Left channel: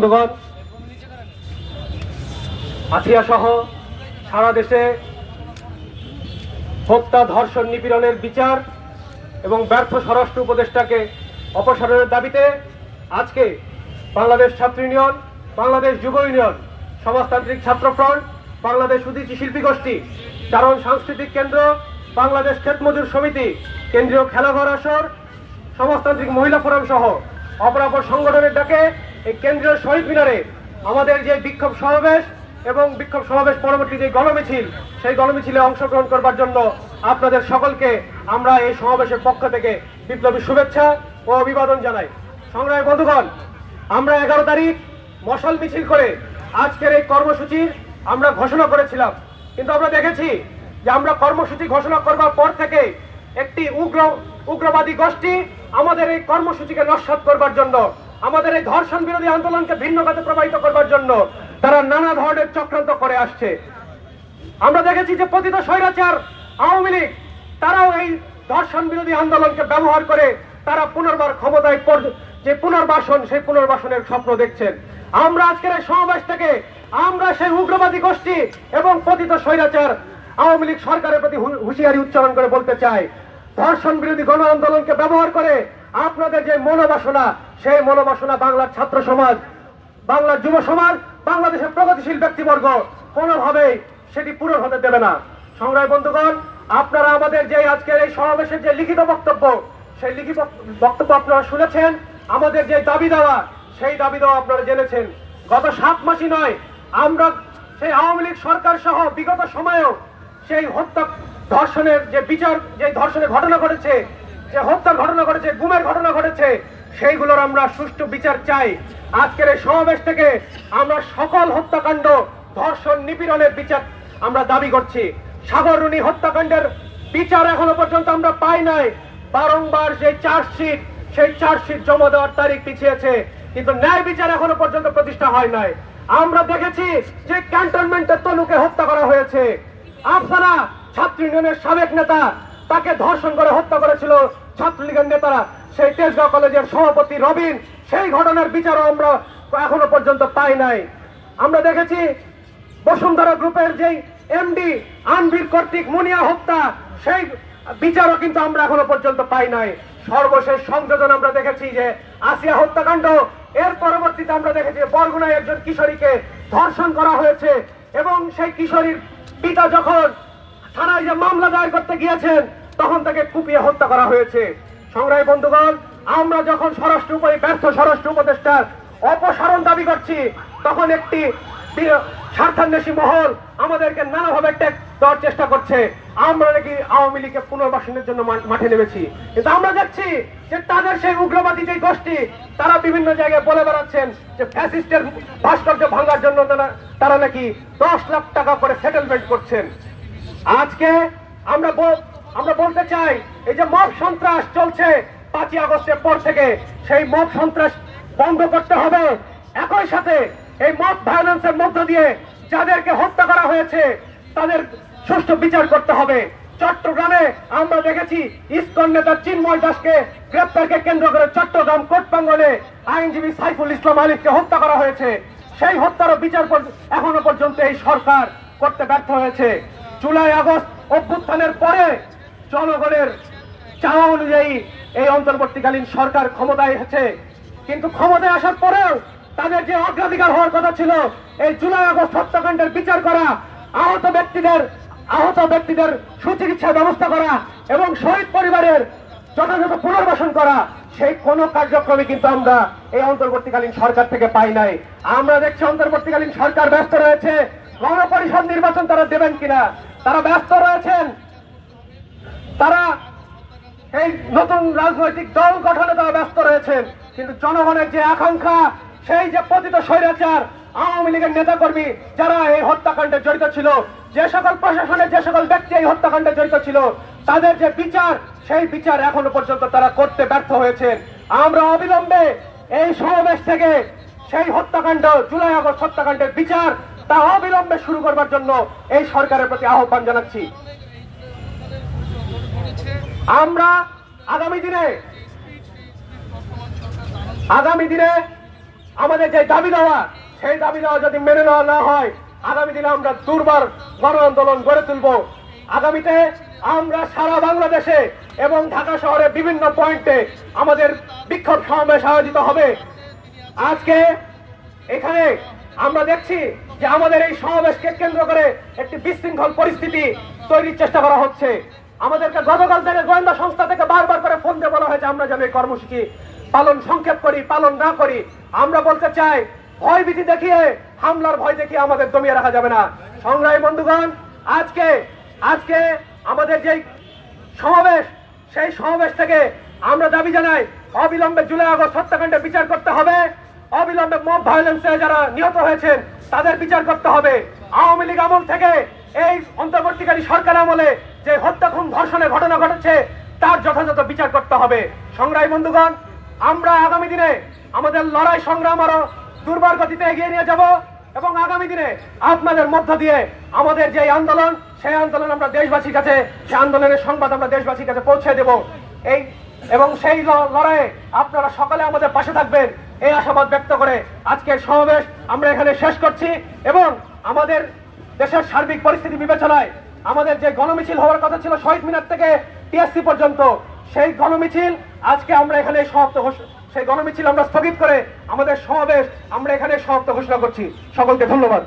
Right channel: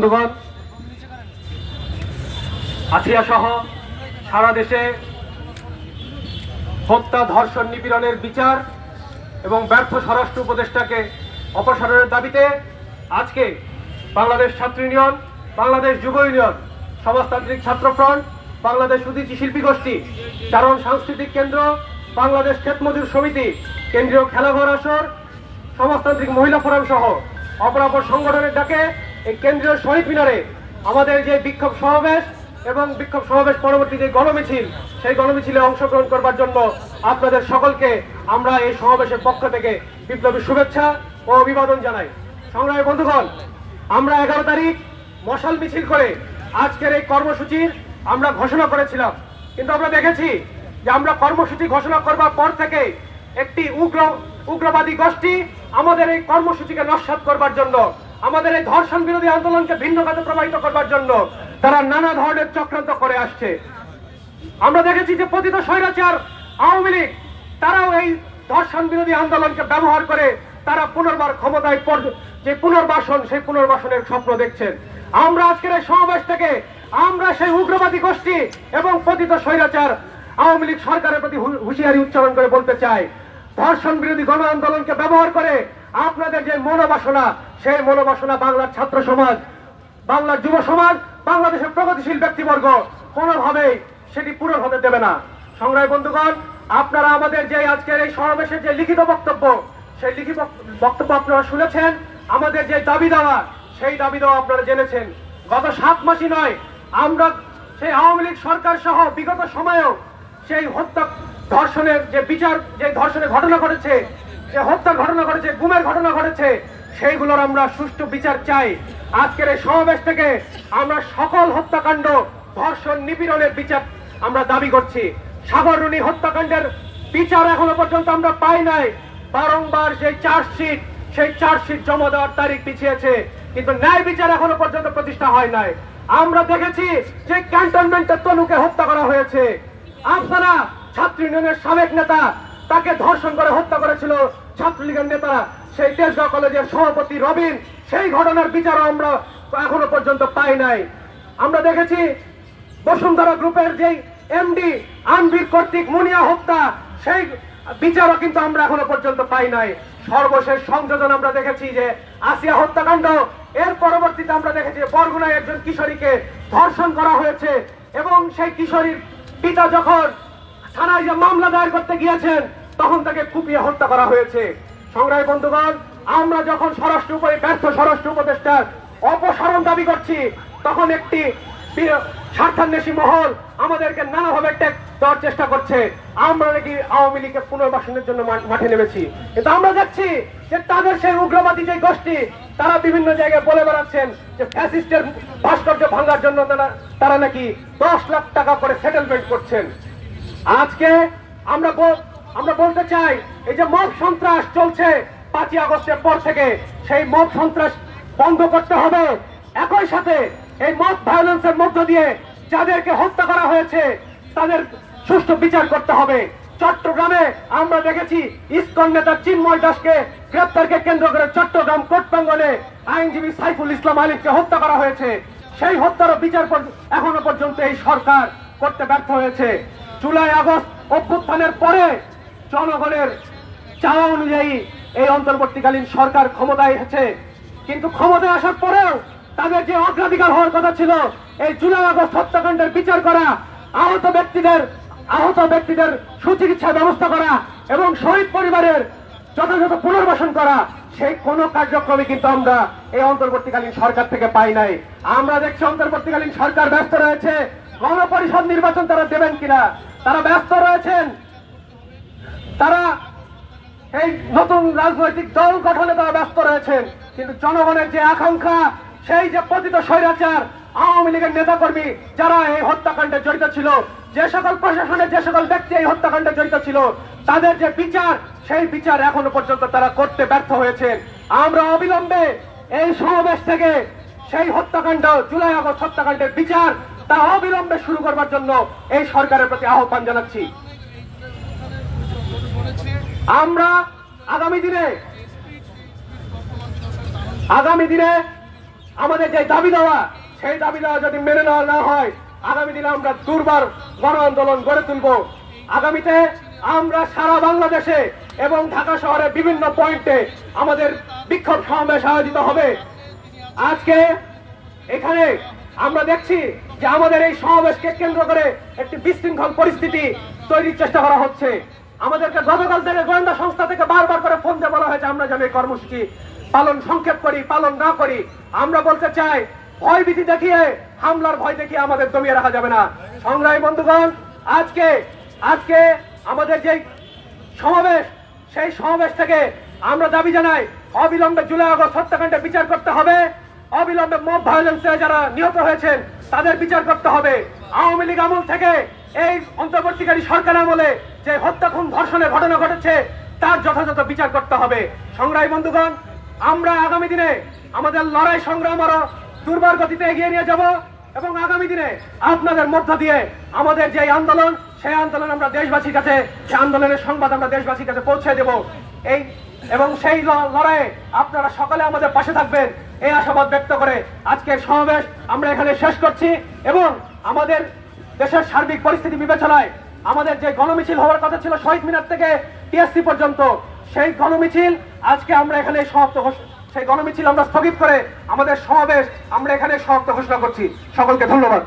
বন্ধুগণ, আসিয়া সহ সারা দেশে হত্যা, ধর্ষণ, নিপীড়নের বিচার এবং ব্যর্থ স্বরাষ্ট্র উপদেষ্টাকে অপসারণের দাবিতে আজকে বাংলাদেশ ছাত্র ইউনিয়ন, বাংলাদেশ যুব ইউনিয়ন, সমাজতান্ত্রিক ছাত্র ফ্রন্ট, বাংলাদেশ উদীচী শিল্পী গোষ্ঠী, চারণ সাংস্কৃতিক কেন্দ্র, বাংলাদেশ ক্ষেত মজুর সমিতি, কেন্দ্রীয় খেলাঘর আসর, সমাজতান্ত্রিক মহিলা ফোরাম সহ অপরাপর সংগঠনের ডাকে এই কেন্দ্রীয় শহীদ মিনারে আমাদের যে বিক্ষোভ সমাবেশ এবং বিক্ষোভ সমাবেশ পরবর্তী যে গণমিছিল, সেই গণমিছিলে অংশগ্রহণ করবার জন্য আপনাদের সকলকে আমরা এই সমাবেশের পক্ষ থেকে বিপ্লবী শুভেচ্ছা ও অভিবাদন জানাই। সংগ্রামী বন্ধুগণ, আমরা 11 তারিখ মশাল মিছিল করে আজকের এই কর্মসূচির আমরা ঘোষণা করেছিলাম, কিন্তু আমরা দেখেছি যে আমরা কর্মসূচি ঘোষণা করবার পর থেকে একটি উগ্রবাদী গোষ্ঠী আমাদের এই কর্মসূচিকে নস্যাৎ করবার জন্য, আমাদের এই ধর্ষণ বিরোধী আন্দোলনকে ভিন্ন কাজে প্রবাহিত করবার জন্য তারা নানা ধরনের চক্রান্ত করে আসছে। আমরা দেখেছি যে পতিত স্বৈরাচার আওয়ামী লীগ তারাও এই ধর্ষণ বিরোধী আন্দোলনকে ব্যবহার করে তারা পুনর্বার ক্ষমতায় যে পুনর্বাসন, সেই পুনর্বাসনের স্বপ্ন দেখছেন। আমরা আজকের এই সমাবেশ থেকে আমরা সেই উগ্রবাদী গোষ্ঠী এবং পতিত স্বৈরাচার আওয়ামী লীগ সরকারের প্রতি হুঁশিয়ারি উচ্চারণ করে বলতে চাই, ধর্ষণ বিরোধী গণ আন্দোলনকে ব্যবহার করে আপনাদের যে মনোবাসনা, সেই মনোবাসনা বাংলার ছাত্র সমাজ, বাংলার যুব সমাজ, বাংলাদেশের প্রগতিশীল ব্যক্তিবর্গ কোনোভাবেই সেটি পূরণ হতে দেবে না। সংগ্রামী বন্ধুগণ, আপনারা আমাদের যে আজকের এই সমাবেশের যে লিখিত বক্তব্য, সেই লিখিত বক্তব্য আপনারা শুনেছেন। আমাদের যে দাবি দেওয়া, সেই দাবি দেওয়া আপনারা জেনেছেন। গত 7 মাসই নয়, আমরা সেই আওয়ামী লীগ সরকার সহ বিগত সময়েও সেই হত্যা, ধর্ষণের যে বিচার, যে ধর্ষণের ঘটনা ঘটেছে, যে হত্যার ঘটনা ঘটেছে, গুমের ঘটনা ঘটেছে, সেইগুলোর আমরা সুষ্ঠু বিচার চাই। আজকের এই সমাবেশ থেকে আমরা সকল হত্যাকাণ্ড, ধর্ষণ, নিপীড়নের বিচার আমরা দাবি করছি। সাগররুনি হত্যাকাণ্ডের বিচার এখনো পর্যন্ত আমরা পাই নাই। বারংবার সেই চার্জশিট জমা দেওয়ার তারিখ পিছিয়েছে, কিন্তু ন্যায় বিচার এখনো পর্যন্ত প্রতিষ্ঠা হয় নাই। আমরা দেখেছি যে ক্যান্টনমেন্টে তনুকে হত্যা করা হয়েছে। আফসানা ছাত্র ইউনিয়নের সাবেক নেতা, তাকে ধর্ষণ করে হত্যা করেছিল ছাত্রলীগের নেতারা। সেই তেজগাঁও কলেজের সভাপতি রবিন, সেই ঘটনার বিচারও আমরা এখনো পর্যন্ত পাই নাই। আমরা দেখেছি বসুন্ধরা গ্রুপের যে এমডি আনবির কর্তৃক মুনিয়া হত্যা, সেই বিচারও কিন্তু আমরা এখনো পর্যন্ত পাই নাই। সর্বশেষ সংযোজন আমরা দেখেছি যে আসিয়া হত্যাকাণ্ড, এর পরবর্তীতে আমরা দেখেছি বরগুনায় একজন কিশোরীকে ধর্ষণ করা হয়েছে এবং সেই কিশোরীর পিতা যখন থানায় যে মামলা দায়ের করতে গিয়েছেন, তখন তাকে কুপিয়ে হত্যা করা হয়েছে। সংগ্রামী বন্ধুগণ, আমরা যখন ব্যর্থ স্বরাষ্ট্র উপদেষ্টার অপসারণ দাবি করছি, তখন একটি স্বার্থান্বেষী মহল আমাদেরকে নানাভাবে ট্যাগ দেওয়ার চেষ্টা করছে। আমরা নাকি আওয়ামী লীগকে পুনর্বাসনের জন্য মাঠে নেমেছি, কিন্তু আমরা দেখছি যে তাদের সেই উগ্রবাদী যে গোষ্ঠী, তারা বিভিন্ন জায়গায় বলে বেড়াচ্ছেন যে ফ্যাসিস্টের ভাস্কর্য ভাঙার জন্য তারা নাকি 10 লাখ টাকা করে সেটেলমেন্ট করছেন। আজকে আমরা বলতে চাই, এই যে মব সন্ত্রাস চলছে 5ই আগস্টের পর থেকে, সেই মব সন্ত্রাস বন্ধ করতে হবে। একই সাথে এই মব ভায়োলেন্সের মধ্য দিয়ে যাদেরকে হত্যা করা হয়েছে তাদের সুষ্ঠু বিচার করতে হবে। চট্টগ্রামে আমরা দেখেছি ইসকন নেতা চিন্ময় দাসকে গ্রেপ্তারকে কেন্দ্র করে চট্টগ্রাম কোর্ট প্রাঙ্গণে আইনজীবী সাইফুল ইসলাম আলিফকে হত্যা করা হয়েছে। সেই হত্যারও বিচার এখনো পর্যন্ত এই সরকার করতে ব্যর্থ হয়েছে। জুলাই আগস্ট অভ্যুত্থানের পরে জনগণের চাওয়া অনুযায়ী এই অন্তর্বর্তীকালীন সরকার ক্ষমতায় এসেছে, কিন্তু ক্ষমতায় আসার পরেও তাদের যে অগ্রাধিকার হওয়ার কথা ছিল এই জুলাই আগস্ট হত্যাকাণ্ডের বিচার করা, আহত ব্যক্তিদের সুচিকিৎসার ব্যবস্থা করা এবং শহীদ পরিবারের যথাযথ পুনর্বাসন করা, সেই কোনো কার্যক্রমই কিন্তু আমরা এই অন্তর্বর্তীকালীন সরকার থেকে পাই নাই। আমরা দেখছি অন্তর্বর্তীকালীন সরকার ব্যস্ত রয়েছে গণপরিষদ নির্বাচন তারা দেবেন কিনা, তারা ব্যস্ত রয়েছেন, তারা এই নতুন রাজনৈতিক দল গঠনে তারা ব্যস্ত রয়েছেন। কিন্তু জনগণের যে আকাঙ্ক্ষা, সেই যে পতিত স্বৈরাচার আওয়ামী লীগের নেতাকর্মী যারা এই হত্যাকাণ্ডে জড়িত ছিল, যে সকল প্রশাসনের যে সকল ব্যক্তি এই হত্যাকাণ্ডে জড়িত ছিল, তাদের যে বিচার, সেই বিচার এখনো পর্যন্ত তারা করতে ব্যর্থ হয়েছেন। আমরা অবিলম্বে এই সমাবেশ থেকে সেই হত্যাকাণ্ড, জুলাই আগস্ট হত্যাকাণ্ডের বিচার তা অবিলম্বে শুরু করবার জন্য এই সরকারের প্রতি আহ্বান জানাচ্ছি। আমরা আগামী দিনে আমাদের যে দাবি দেওয়া, সেই দাবি দেওয়া যদি মেনে নেওয়া না হয়, আগামী দিনে আমরা দুর্বার গণ আন্দোলন গড়ে তুলব। আগামীতে আমরা সারা বাংলাদেশে এবং ঢাকা শহরে বিভিন্ন পয়েন্টে আমাদের বিক্ষোভ সমাবেশ আয়োজিত হবে। আজকে এখানে আমরা দেখছি যে আমাদের এই সমাবেশকে কেন্দ্র করে একটি বিশৃঙ্খল পরিস্থিতি তৈরির চেষ্টা করা হচ্ছে। আমাদেরকে গতকাল থেকে গোয়েন্দা সংস্থা থেকে বারবার করে ফোন দিয়ে বলা হয়েছে আমরা যেন এই কর্মসূচি পালন সংক্ষেপ করি, পালন না করি। আমরা বলতে চাই, ভয়ভীতি দেখিয়ে, হামলার ভয় দেখিয়ে আমাদের দমিয়ে রাখা যাবে না। সংগ্রামী বন্ধুগণ, আজকে আমাদের যে সমাবেশ, সেই সমাবেশ থেকে আমরা দাবি জানাই অবিলম্বে জুলাই আগস্ট হত্যাকাণ্ডের বিচার করতে হবে। অবিলম্বে মব ভায়োলেন্সে যারা নিহত হয়েছেন তাদের বিচার করতে হবে। আওয়ামী লীগ আমল থেকে এই অন্তর্বর্তীকারী সরকার আমলে যে হত্যা খুন ধর্ষণের ঘটনা ঘটেছে তার যথাযথ বিচার করতে হবে। সংগ্রামী বন্ধুগণ, আমরা আগামী দিনে আমাদের লড়াই সংগ্রাম আরো দুর্বার গতিতে এগিয়ে নিয়ে যাব এবং আগামী দিনে আপনাদের মধ্য দিয়ে আমাদের যে আন্দোলন, সেই আন্দোলন আমরা দেশবাসীর কাছে, সেই আন্দোলনের সংবাদ আমরা দেশবাসীর কাছে পৌঁছে দেব। এবং সেই লড়াইয়ে আপনারা সকলে আমাদের পাশে থাকবেন, এই আশাবাদ ব্যক্ত করে আজকের সমাবেশ আমরা এখানে শেষ করছি। এবং আমাদের দেশের সার্বিক পরিস্থিতি বিবেচনায় আমাদের যে গণমিছিল হওয়ার কথা ছিল শহীদ মিনার থেকে টিএসসি পর্যন্ত, সেই গণমিছিল আজকে আমরা এখানে সেই গণমিছিল আমরা স্থগিত করে আমাদের সমাবেশ আমরা এখানে সমাপ্ত ঘোষণা করছি। সকলকে ধন্যবাদ।